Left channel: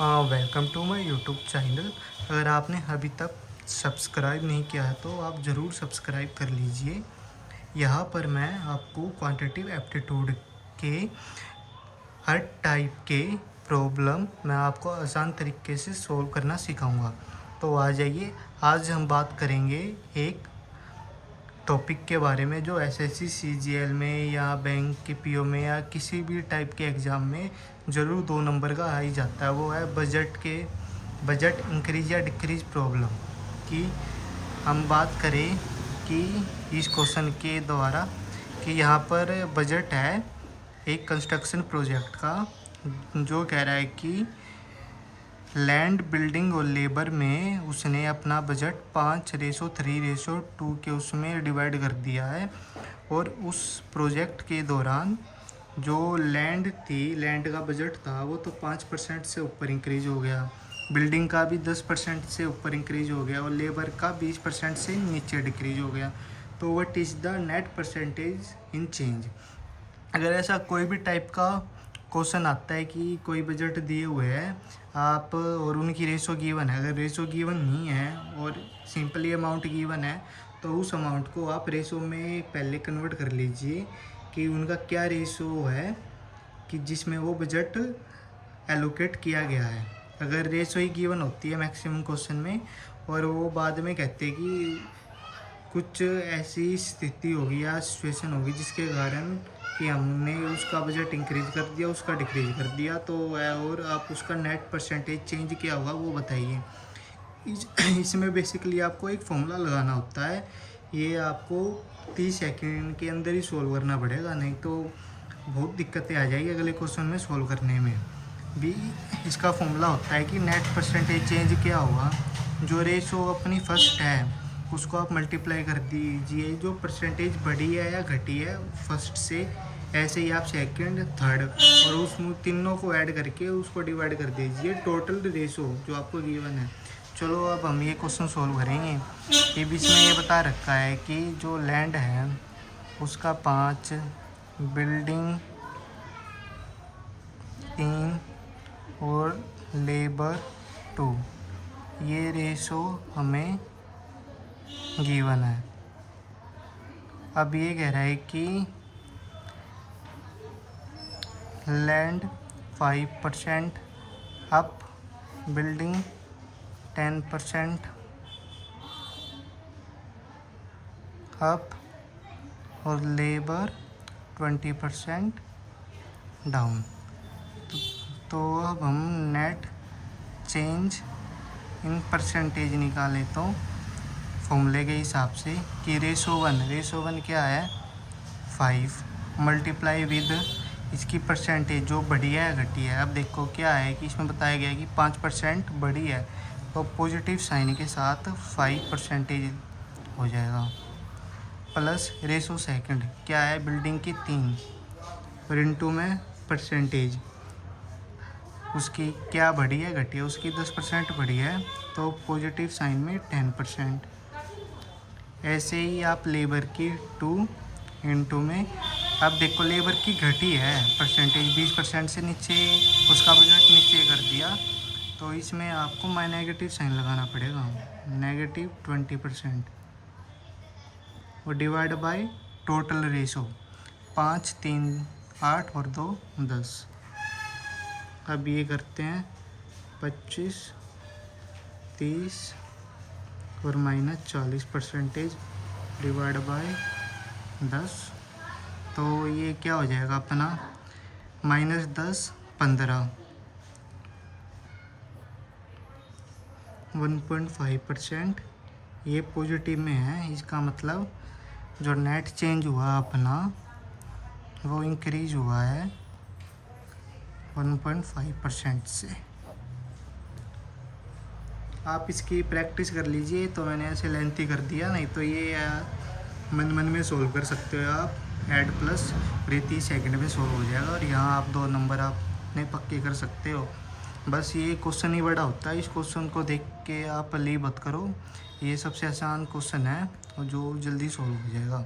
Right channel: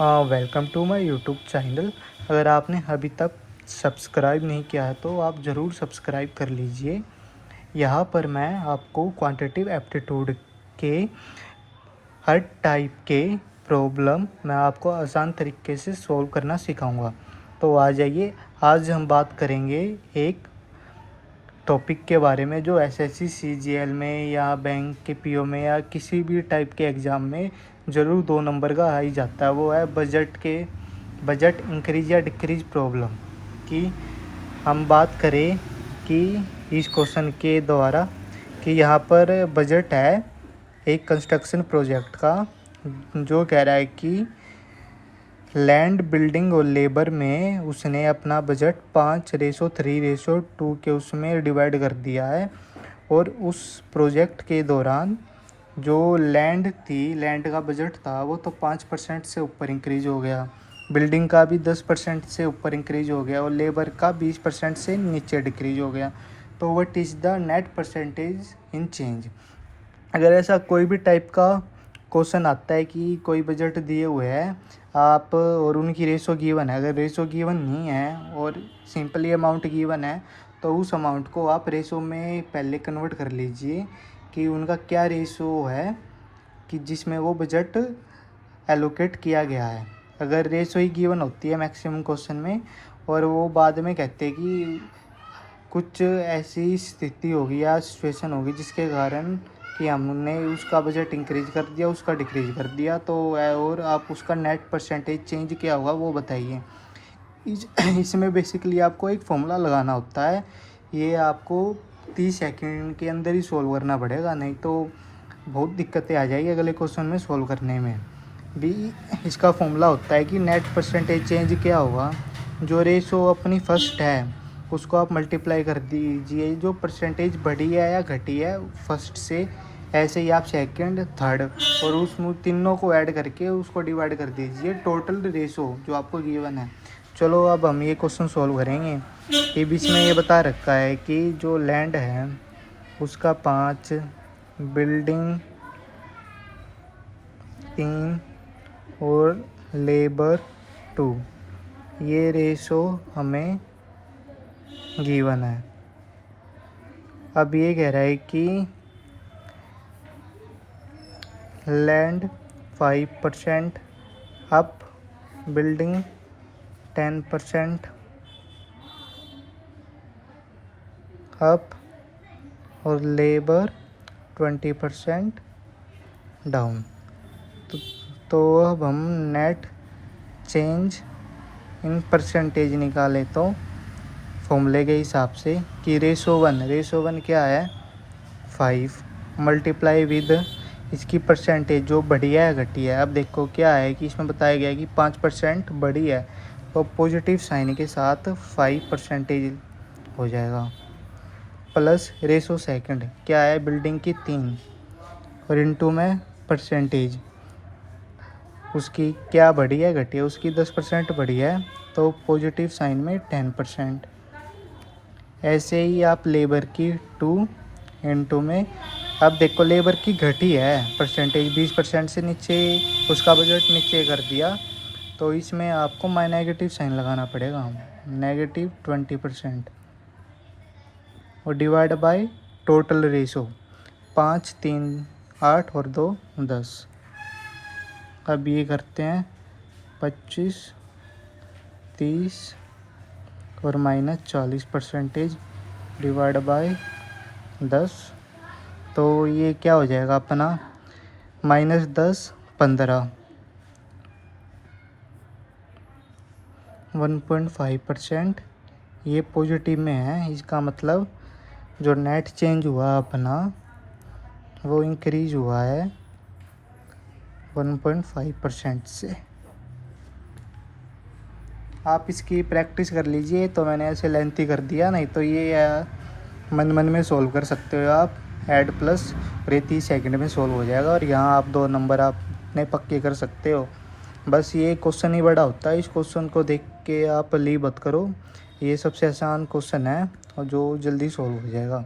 Welcome to my YouTube channel. अगर आपने अभी तक सब्सक्राइब नहीं किया है तो आप ज़रूर सब्सक्राइब कर लीजिए। यहाँ पर मैं आपको क्वांटिटेटिव एप्टीट्यूड के हर टाइप के प्रॉब्लम मैं आपको आसान तरीके से सॉल्व करना सिखाऊंगा। तो आ जाइए, आज हम बात करेंगे एक टॉपिक के बारे में जो एसएससी सीजीएल में या बैंक के पीओ में या किसी भी टाइप के एग्ज़ाम में ज़रूर 2 नंबर का आ ही जाता है। वो है बजट इंक्रीज या डिक्रीज प्रॉब्लम की। हम बात करें कि इस क्वेश्चन के द्वारा कि यहाँ पर बजट है एक कंस्ट्रक्शन प्रोजेक्ट का, जो कह रहा है कि लैंड, बिल्डिंग और लेबर में उसने अपना बजट 5:3:2 के उसमें डिवाइड कर दिया है। और उस प्रोजेक्ट के दौरान जो लैंड का बजट था वो तो 5% से ऊपर इंक्रीज हो गया, बिल्डिंग का भी 10% से ऊपर इंक्रीज हो गया और लेबर का 20% से नीचे डिक्रीज हो गया। तो what is the net percentage in change. अगर ऐसा कोई भी टाइप का क्वेश्चन आता है कि कोई बजट दिए हुए है आप और उनकी रेशो गिवन है, अगर रेशो गिवन नहीं है और सिंपली अमाउंट गिवन है तो उस अमाउंट को आप रेशो में पहले कन्वर्ट कर लीजिए कि उनका क्या रेशो है कि जिसमें वो बजट एलोकेट किया गया है। अगर रेशो ही गिवन होती है मैक्सिमम क्वेश्चन में और वो बाद में कहते हैं कि कुछ ऐसी स्थिति होगी या सिचुएशन होगी जिसके कारण कि हमने उसका बजट इंक्रीज कर दिया, उसका डिक्रीज कर दिया, तो और आप उसका नेट परसेंटेज चेंज क्या होगा वो बताइए। इसमें बेसिकली आपको एक फॉर्मूला लगाना होता है। ये आपको 30 सेकंड के अंदर ही सॉल्व करना पड़ेगा, नहीं तो बहुत दिक्कतें आ जाएगी अगले क्वेश्चन में सॉल्व करने में भी। इसका फॉर्मूला होता है कि नेट परसेंटेज चेंज क्या होगा, जो रेशो अपनी फर्स्ट है उसको आप मल्टीप्लाई कर दीजिए, जो परसेंटेज बढ़ी है या घटी है फर्स्ट से, ऐसे ही आप सेकंड, थर्ड और उसमें तीनों को ऐड करके उसको डिवाइड कर दीजिए टोटल रेशो जो आपको गिवन है। चलो अब हम ये क्वेश्चन सॉल्व करेंगे। ये बीच में ये बता रखा है कि जो लैंड है उसका 5, बिल्डिंग 3 और लेबर 2, ये रेशो हमें गिवन है। अब ये कह रहा है कि लैंड 5% अप, बिल्डिंग 10% अप और लेबर 20% डाउन। तो अब हम नेट चेंज इन परसेंटेज निकाले तो फॉर्मूले के हिसाब से कि रेशो वन क्या है 5 मल्टीप्लाई विद इसकी परसेंटेज जो बढ़ी है घटी है। अब देखो क्या है कि इसमें बताया गया है कि 5% बढ़ी है तो पॉजिटिव साइन के साथ 5% हो जाएगा, प्लस रेशो सेकंड क्या है बिल्डिंग की 3 और इनटू में परसेंटेज उसकी क्या बढ़ी है घटी है, उसकी 10% बढ़ी है तो पॉजिटिव साइन में 10%। ऐसे ही आप लेबर की 2 इनटू में, अब देखो लेबर की घटी है परसेंटेज 20% से नीचे, उसका बजट नीचे कर दिया तो इसमें आपको नेगेटिव साइन लगाना पड़ेगा, -20% और डिवाइड बाय टोटल रेशो 5, 3, 8 और 2, 10। अब ये करते हैं 25, 30 और -40% डिवाइड बाय 10, तो ये क्या हो जाएगा अपना -10, 15, 1.5%। ये पॉजिटिव में है, इसका मतलब जो नेट चेंज हुआ अपना वो इंक्रीज हुआ है 1.5% से। आप इसकी प्रैक्टिस कर लीजिए, तो मैंने ऐसे लेंथी कर दिया, नहीं तो ये मन मन में सॉल्व कर सकते हो आप ऐड प्लस, और ये 30 सेकंड में सॉल्व हो जाएगा और यहाँ आप 2 नंबर आपने पक्के कर सकते हो। बस ये क्वेश्चन ही बड़ा होता है, इस क्वेश्चन को देख के आप लीव मत करो, ये सबसे आसान क्वेश्चन है और जो जल्दी सॉल्व हो जाएगा।